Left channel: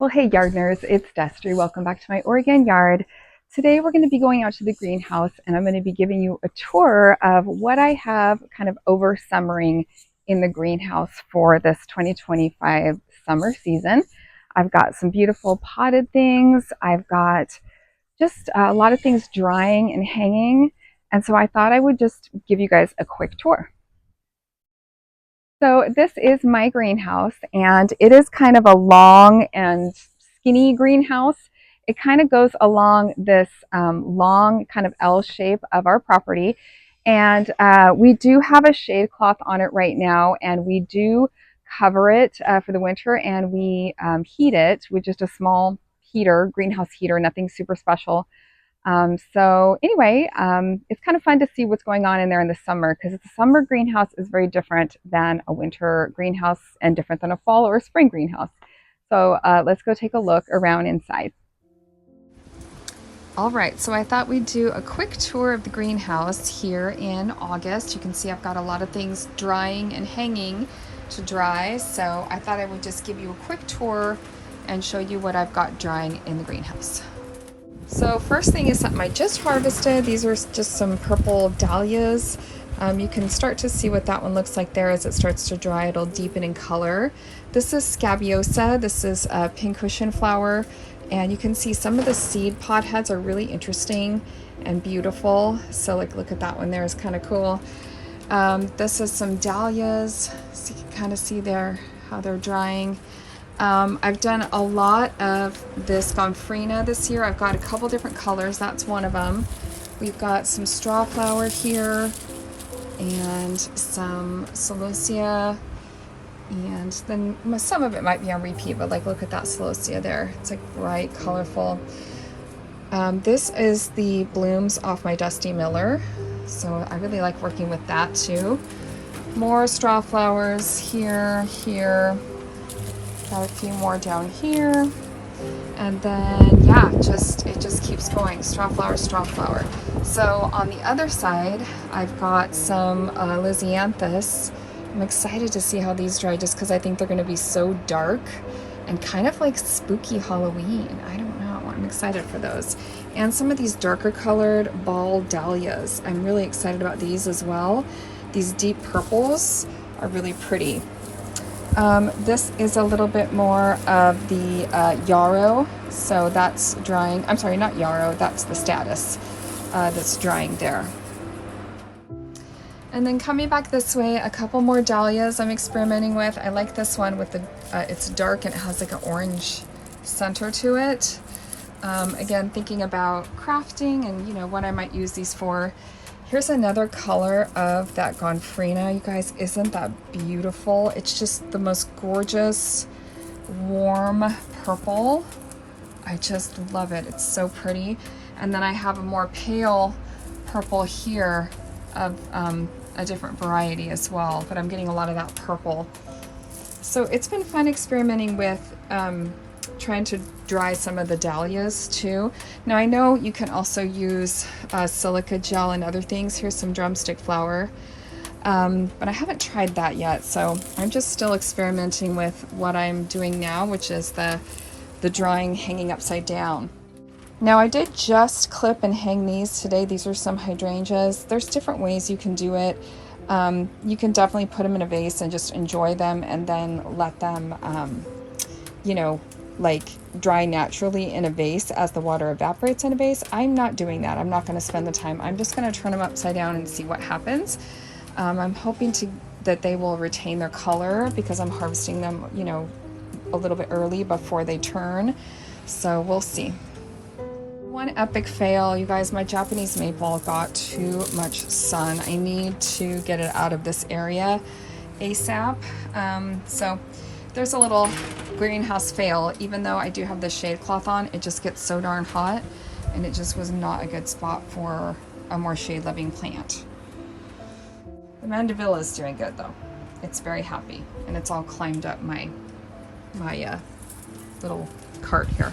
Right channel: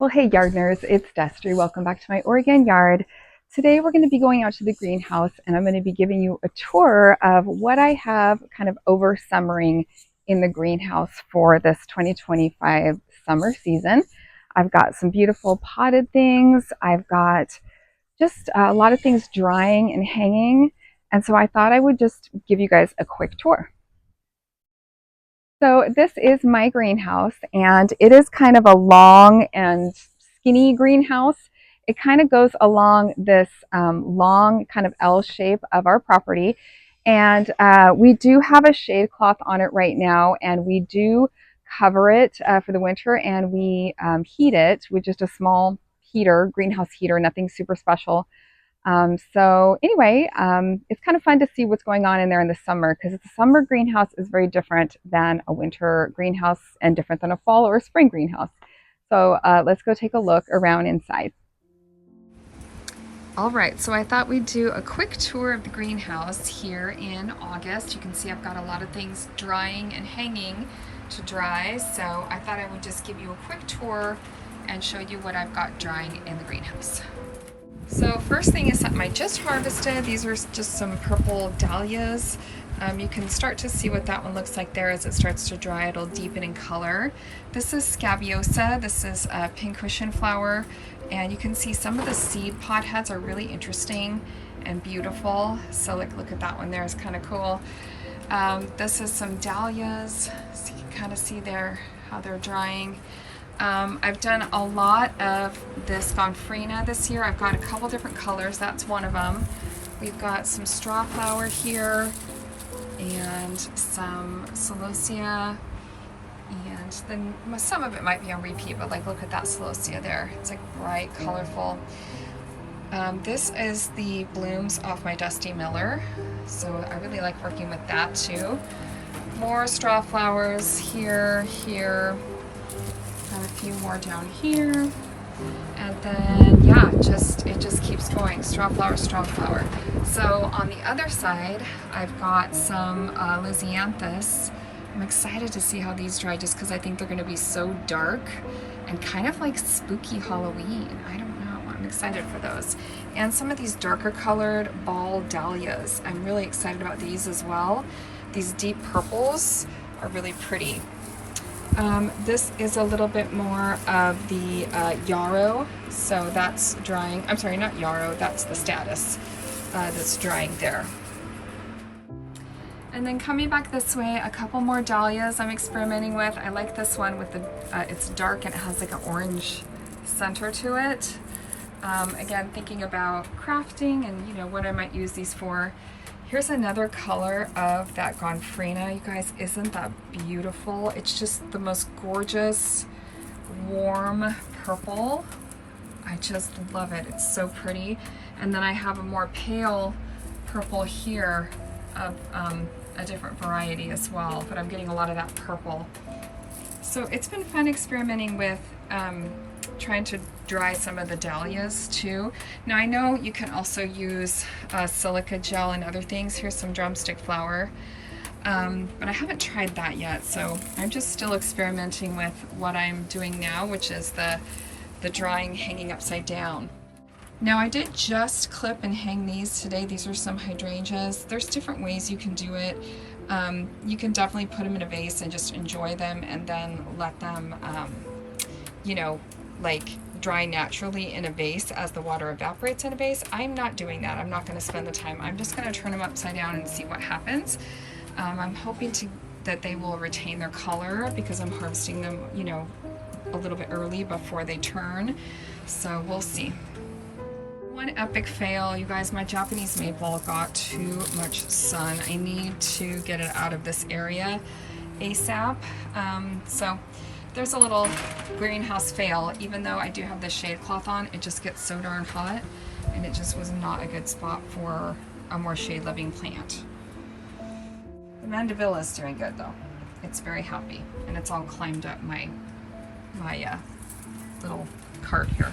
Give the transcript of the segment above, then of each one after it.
Well, hey gardeners, it's Destry. Welcome back to my Oregon yard. Today we're going to be going out to the greenhouse and I'm going to be giving you a tour of what I have kind of over summering in the greenhouse for this 2025 summer season. I've got some beautiful potted things. I've got just a lot of things drying and hanging. And so I thought I would just give you guys a quick tour. So this is my greenhouse and it is kind of a long and skinny greenhouse. It kind of goes along this long kind of L shape of our property. And we do have a shade cloth on it right now and we do cover it for the winter and we heat it with just a small heater, greenhouse heater, nothing super special. So anyway, it's kind of fun to see what's going on in there in the summer because the summer greenhouse is very different than a winter greenhouse and different than a fall or a spring greenhouse. So let's go take a look around inside. All right, so I thought we'd do a quick tour of the greenhouse here in August. You can see I've got a lot of things drying and hanging to dry. So I thought I would just give you a quick tour and show you what I've got drying in the greenhouse. So first thing is something I just harvested. These are just some purple dahlias. You can start to see what that one looks like there as it starts to dry. It'll deepen in color. This is scabiosa. This is a pincushion flower. And you can see some of the seed pod heads are really interesting and beautiful. So like, look at that one there, is kind of cool. This is some dahlias. So you can kind of see there how they're drying. I've done a lot of this gomphrena this year. I've got a couple different colors. That's one of them. We've got some straw flower here and some celosia. And then some of it might be on repeat, but like look at that celosia there. It's like bright, colorful. This is the blooms off my Dusty Miller. So I really like working with that too. More straw flowers here, here. Got a few more down here, and then yeah, it just keeps going. Straw flower, straw flower. So on the other side, I've got some lisianthus. I'm excited to see how these dry, just because I think they're going to be so dark and kind of like spooky Halloween. I don't know. I'm excited for those. And some of these darker colored ball dahlias. I'm really excited about these as well. These deep purples are really pretty. This is a little bit more of the yarrow, so that's drying. I'm sorry, not yarrow, that's the status that's drying there. And then coming back this way, a couple more dahlias I'm experimenting with. I like this one with the, it's dark and it has like an orange center to it. Again, thinking about crafting and you know what I might use these for. Here's another color of that gomphrena. You guys, isn't that beautiful? It's just the most gorgeous, warm purple. I just love it. It's so pretty. And then I have a more pale purple here of a different variety as well, but I'm getting a lot of that purple. So it's been fun experimenting with trying to dry some of the dahlias too. Now I know you can also use silica gel and other things. Here's some drumstick flower, but I haven't tried that yet. So I'm just still experimenting with what I'm doing now, which is the drying hanging upside down. Now I did just clip and hang these today. These are some hydrangeas. There's different ways you can do it. You can definitely put them in a vase and just enjoy them and then let them, you know, like dry naturally in a vase as the water evaporates in a vase. I'm not doing that. I'm not going to spend the time. I'm just going to turn them upside down and see what happens. I'm hoping that they will retain their color because I'm harvesting them, you know, a little bit early before they turn. So we'll see. One epic fail, you guys, my Japanese maple got too much sun. I need to get it out of this area ASAP. So there's a little greenhouse fail. Even though I do have the shade cloth on, it just gets so darn hot and it just was not a good spot for a more shade loving plant. The mandevilla is doing good though. It's very happy and it's all climbed up my little cart here.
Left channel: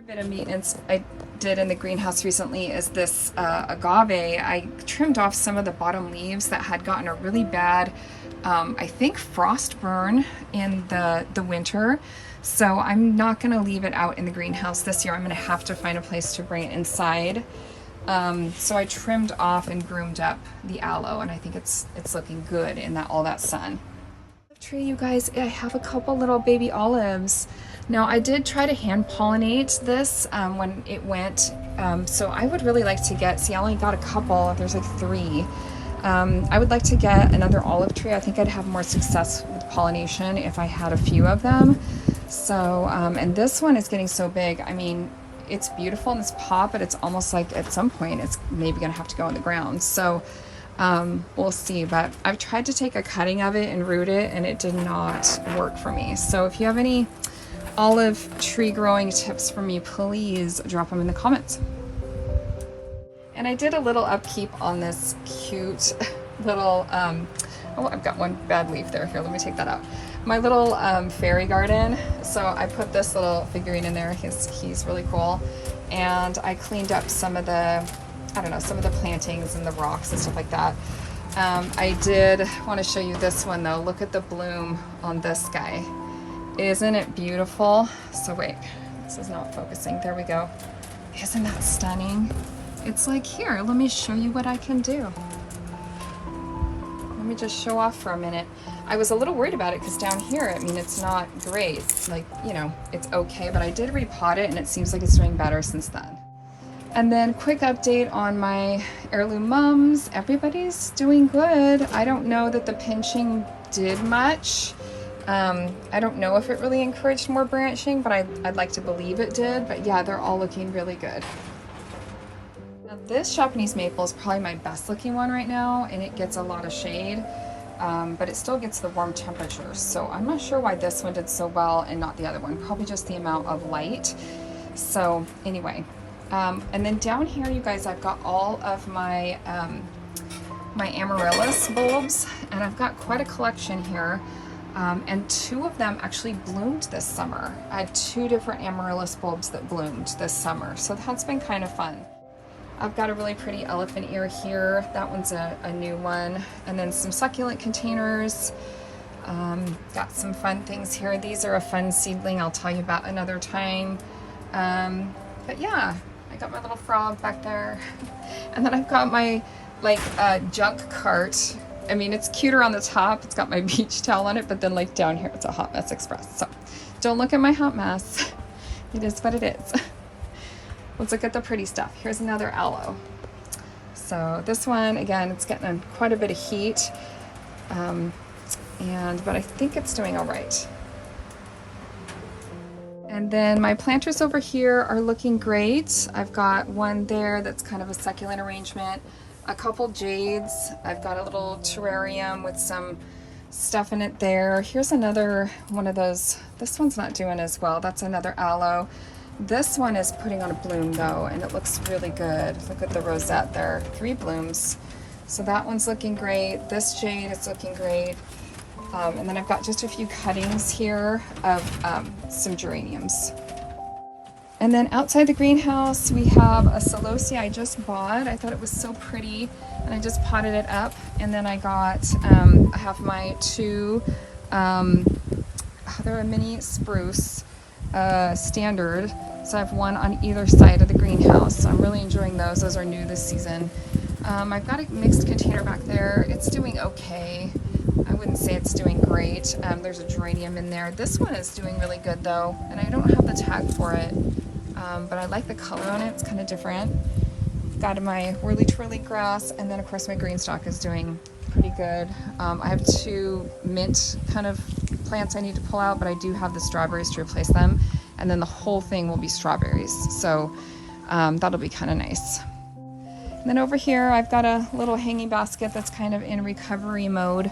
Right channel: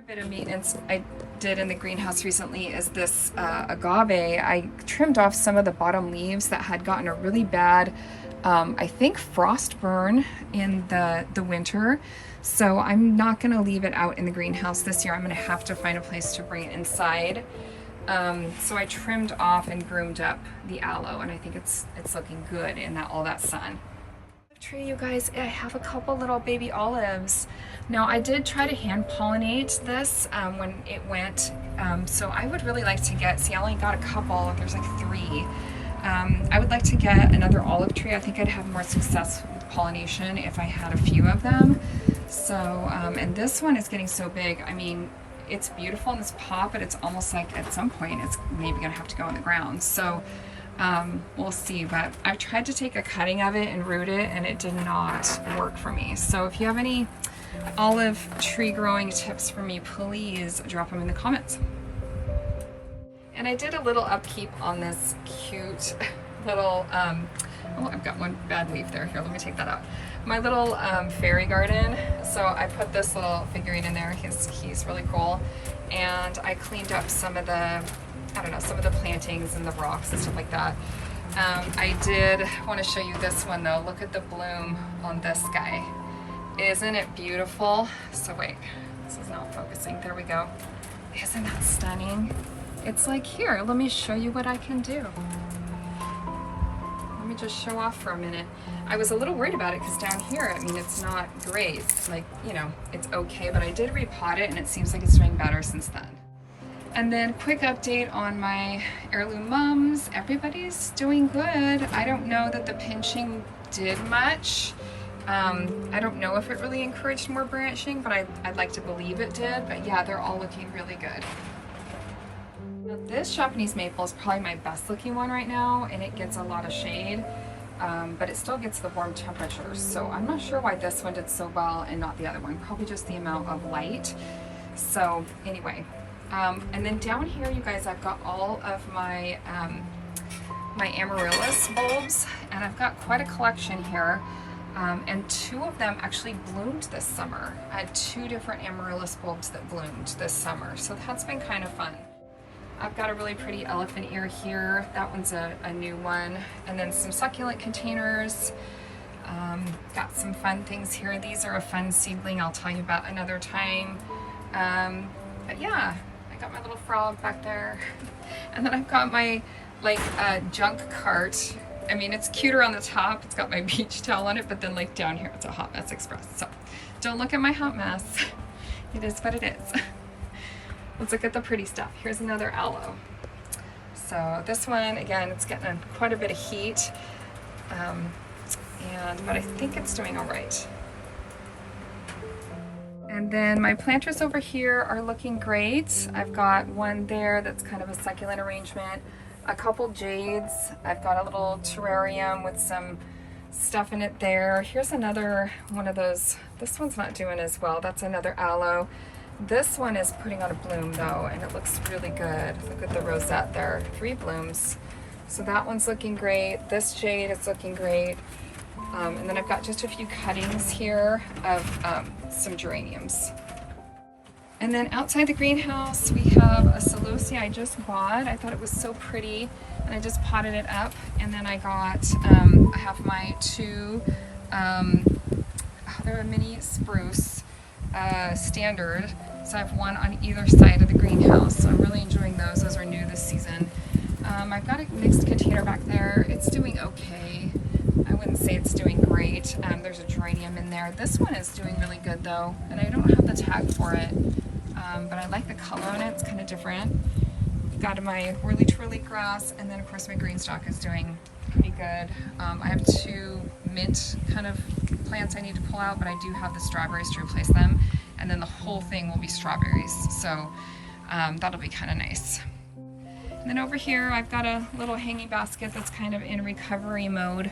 A bit of maintenance I did in the greenhouse recently is this agave. I trimmed off some of the bottom leaves that had gotten a really bad I think frost burn in the winter. So I'm not gonna leave it out in the greenhouse this year. I'm gonna have to find a place to bring it inside. So I trimmed off and groomed up the aloe, and I think it's looking good in all that sun. Tree, you guys, I have a couple little baby olives. Now I did try to hand pollinate this when it went, so I would really like to get, see I only got a couple, there's like 3. I would like to get another olive tree. I think I'd have more success with pollination if I had a few of them. So, and this one is getting so big. I mean, it's beautiful in this pot, but it's almost like at some point it's maybe gonna have to go in the ground. So we'll see, but I've tried to take a cutting of it and root it, and it did not work for me. So if you have any olive tree growing tips for me, please drop them in the comments. And I did a little upkeep on this cute little, oh, I've got one bad leaf there. Here, let me take that out. My little fairy garden. So I put this little figurine in there. He's really cool. And I cleaned up some of the, I don't know, some of the plantings and the rocks and stuff like that. I did want to show you this one though. Look at the bloom on this guy. Isn't it beautiful? So wait, this is not focusing. There we go. Isn't that stunning? It's like, here, let me show you what I can do. Let me just show off for a minute. I was a little worried about it because down here, I mean, it's not great. It's like, you know, it's okay, but I did repot it and it seems like it's doing better since then. And then quick update on my heirloom mums. Everybody's doing good. I don't know that the pinching did much. I don't know if it really encouraged more branching, but I'd like to believe it did. But yeah, they're all looking really good. Now, this Japanese maple is probably my best looking one right now, and it gets a lot of shade, but it still gets the warm temperatures. So I'm not sure why this one did so well and not the other one. Probably just the amount of light. So anyway. And then down here, you guys, I've got all of my my amaryllis bulbs, and I've got quite a collection here. And 2 of them actually bloomed this summer. I had 2 different amaryllis bulbs that bloomed this summer, so that's been kind of fun. I've got a really pretty elephant ear here. That one's a new one. And then some succulent containers. Got some fun things here. These are a fun seedling I'll tell you about another time. But yeah. I got my little frog back there. And then I've got my like junk cart. I mean, it's cuter on the top. It's got my beach towel on it, but then like down here, it's a Hot Mess Express. So don't look at my hot mess. It is what it is. Let's look at the pretty stuff. Here's another aloe. So this one, again, it's getting quite a bit of heat. But I think it's doing all right. And then my planters over here are looking great. I've got one there that's kind of a succulent arrangement, a couple jades. I've got a little terrarium with some stuff in it there. Here's another one of those. This one's not doing as well. That's another aloe. This one is putting on a bloom though, and it looks really good. Look at the rosette there, 3 blooms. So that one's looking great. This jade is looking great. And then I've got just a few cuttings here of some geraniums. And then outside the greenhouse, we have a celosia I just bought. I thought it was so pretty, and I just potted it up. And then I got, I have my 2, they're a mini spruce standard. So I have one on either side of the greenhouse. So I'm really enjoying those. Those are new this season. I've got a mixed container back there. It's doing okay. I wouldn't say it's doing great. There's a geranium in there. This one is doing really good though, and I don't have the tag for it, but I like the color on it. It's kind of different. Got my whirly twirly grass, and then of course my green stalk is doing pretty good. I have 2 mint kind of plants I need to pull out, but I do have the strawberries to replace them, and then the whole thing will be strawberries. So that'll be kind of nice. And then over here, I've got a little hanging basket that's kind of in recovery mode.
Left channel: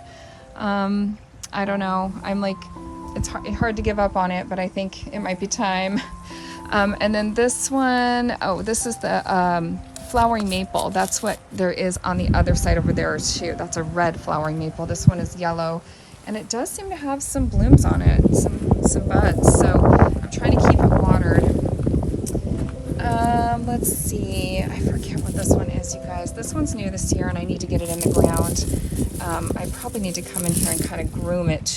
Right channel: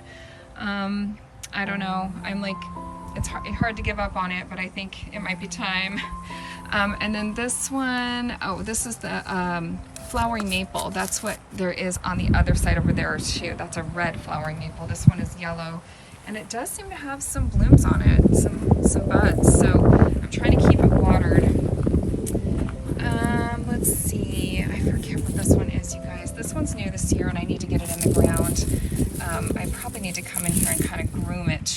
I don't know. I'm like, it's hard to give up on it, but I think it might be time. And then this one, oh, this is the flowering maple. That's what there is on the other side over there too. That's a red flowering maple. This one is yellow, and it does seem to have some blooms on it, some buds. So I'm trying to keep it watered. Let's see. I forget what this one is, you guys. This one's new this year, and I need to get it in the ground. I probably need to come in here and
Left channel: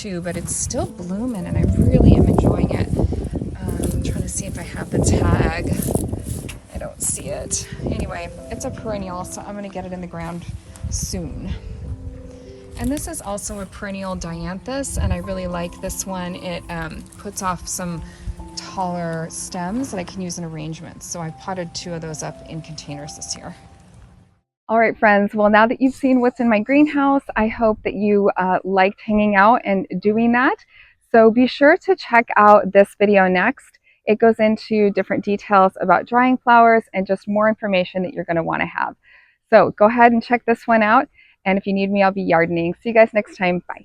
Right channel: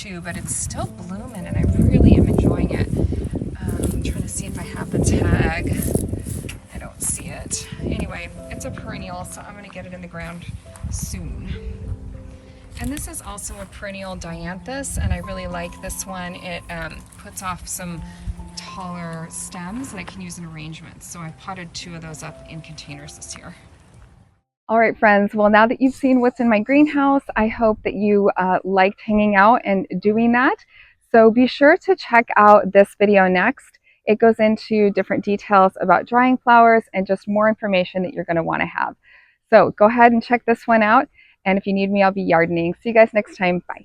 too, but it's still blooming and I really am enjoying it. I'm trying to see if I have the tag. I don't see it. Anyway, it's a perennial, so I'm gonna get it in the ground soon. And this is also a perennial dianthus, and I really like this one. It puts off some taller stems that I can use in arrangements. So I potted 2 of those up in containers this year. All right, friends. Well, now that you've seen what's in my greenhouse, I hope that you liked hanging out and doing that. So be sure to check out this video next. It goes into different details about drying flowers and just more information that you're going to want to have. So go ahead and check this one out. And if you need me, I'll be yardening. See you guys next time. Bye.